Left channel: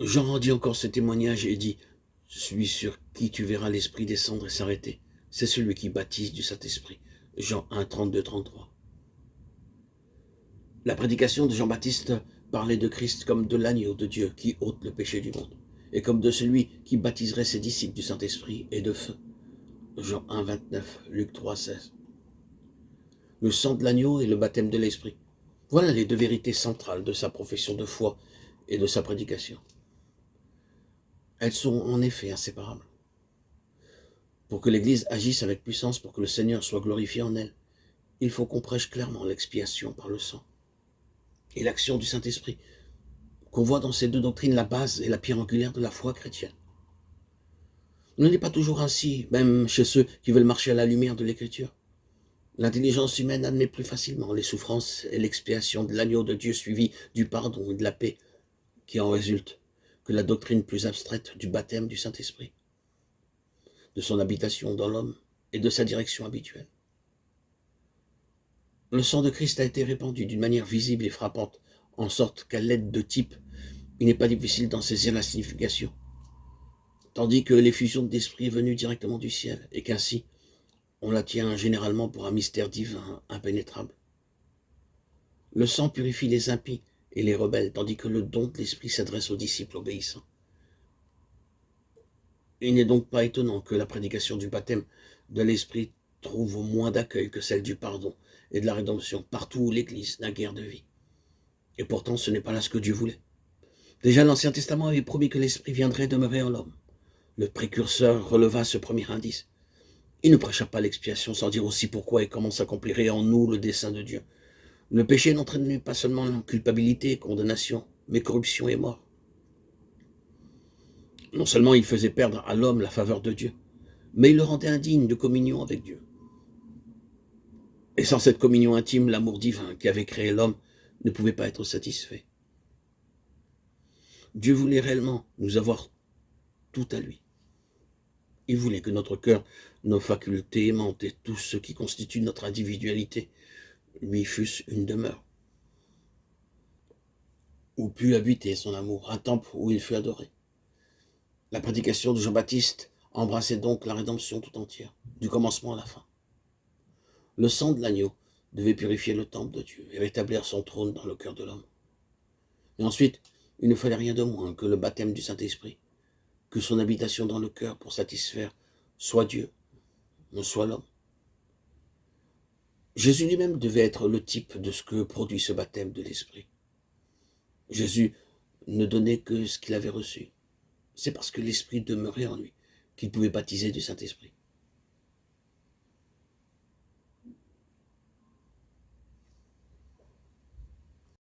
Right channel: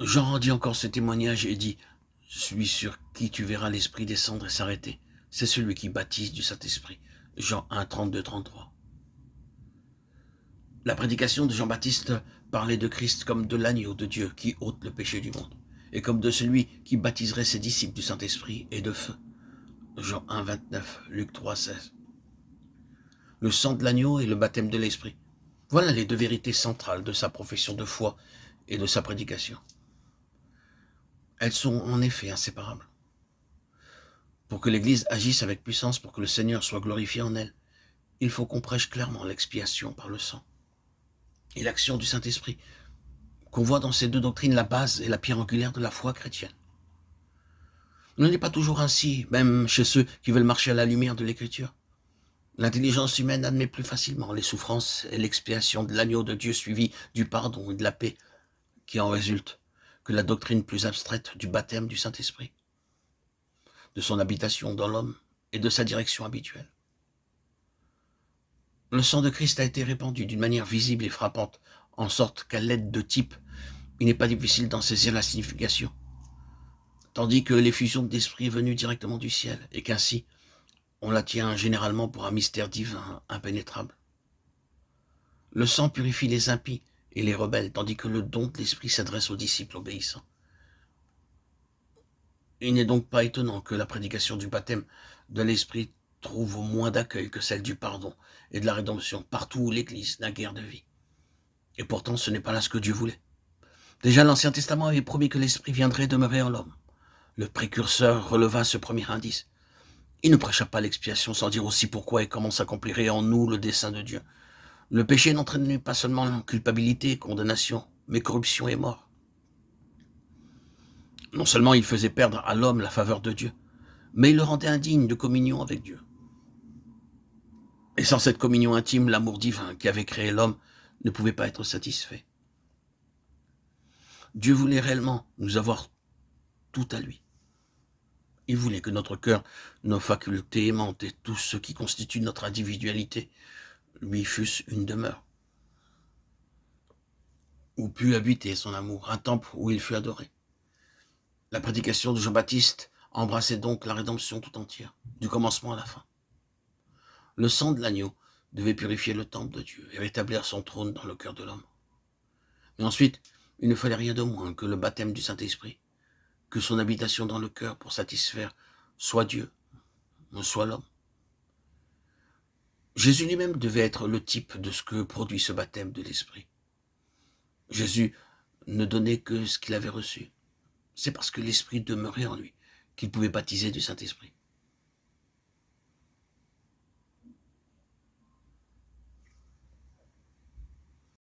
Jean rendit encore ce témoignage et dit, « Celui sur qui tu verras l'Esprit descendre et s'arrêter, c'est celui qui baptise du Saint-Esprit. » Jean 1, 32, 33. La prédication de Jean-Baptiste parlait de Christ comme de l'agneau de Dieu qui ôte le péché du monde, et comme de celui qui baptiserait ses disciples du Saint-Esprit et de feu. Jean 1, 29, Luc 3, 16. Le sang de l'agneau et le baptême de l'Esprit. Voilà les deux vérités centrales de sa profession de foi et de sa prédication. Elles sont en effet inséparables. Pour que l'Église agisse avec puissance, pour que le Seigneur soit glorifié en elle, il faut qu'on prêche clairement l'expiation par le sang et l'action du Saint-Esprit, qu'on voit dans ces deux doctrines la base et la pierre angulaire de la foi chrétienne. Il n'en est pas toujours ainsi, même chez ceux qui veulent marcher à la lumière de l'Écriture. L'intelligence humaine admet plus facilement les souffrances et l'expiation de l'agneau de Dieu suivi du pardon et de la paix qui en résulte que la doctrine plus abstraite du baptême du Saint-Esprit, de son habitation dans l'homme et de sa direction habituelle. Le sang de Christ a été répandu d'une manière visible et frappante, en sorte qu'à l'aide de types, il n'est pas difficile d'en saisir la signification, tandis que l'effusion d'esprit est venue directement du ciel, et qu'ainsi, on la tient généralement pour un mystère divin impénétrable. Le sang purifie les impies et les rebelles, tandis que le don de l'esprit s'adresse aux disciples obéissants. Il n'est donc pas étonnant que la prédication du baptême de l'esprit trouve moins d'accueil que celle du pardon et de la rédemption partout où l'Église n'a guère de vie. Et pourtant, ce n'est pas là ce que Dieu voulait. Déjà, l'Ancien Testament avait promis que l'Esprit viendrait demeurer en l'homme. Le précurseur releva ce premier indice. Il ne prêcha pas l'expiation sans dire aussi pourquoi et comment s'accomplirait en nous le dessein de Dieu. Le péché n'entraînait pas seulement culpabilité et condamnation, mais corruption et mort. Non seulement il faisait perdre à l'homme la faveur de Dieu, mais il le rendait indigne de communion avec Dieu. Et sans cette communion intime, l'amour divin qui avait créé l'homme ne pouvait pas être satisfait. Dieu voulait réellement nous avoir tout à lui. Il voulait que notre cœur, nos facultés aimantes et tout ce qui constitue notre individualité lui fussent une demeure, où put habiter son amour, un temple où il fut adoré. La prédication de Jean-Baptiste embrassait donc la rédemption tout entière, du commencement à la fin. Le sang de l'agneau devait purifier le temple de Dieu et rétablir son trône dans le cœur de l'homme. Et ensuite, il ne fallait rien de moins que le baptême du Saint-Esprit, que son habitation dans le cœur pour satisfaire soit Dieu, soit l'homme. Jésus lui-même devait être le type de ce que produit ce baptême de l'Esprit. Jésus ne donnait que ce qu'il avait reçu. C'est parce que l'Esprit demeurait en lui qu'il pouvait baptiser du Saint-Esprit.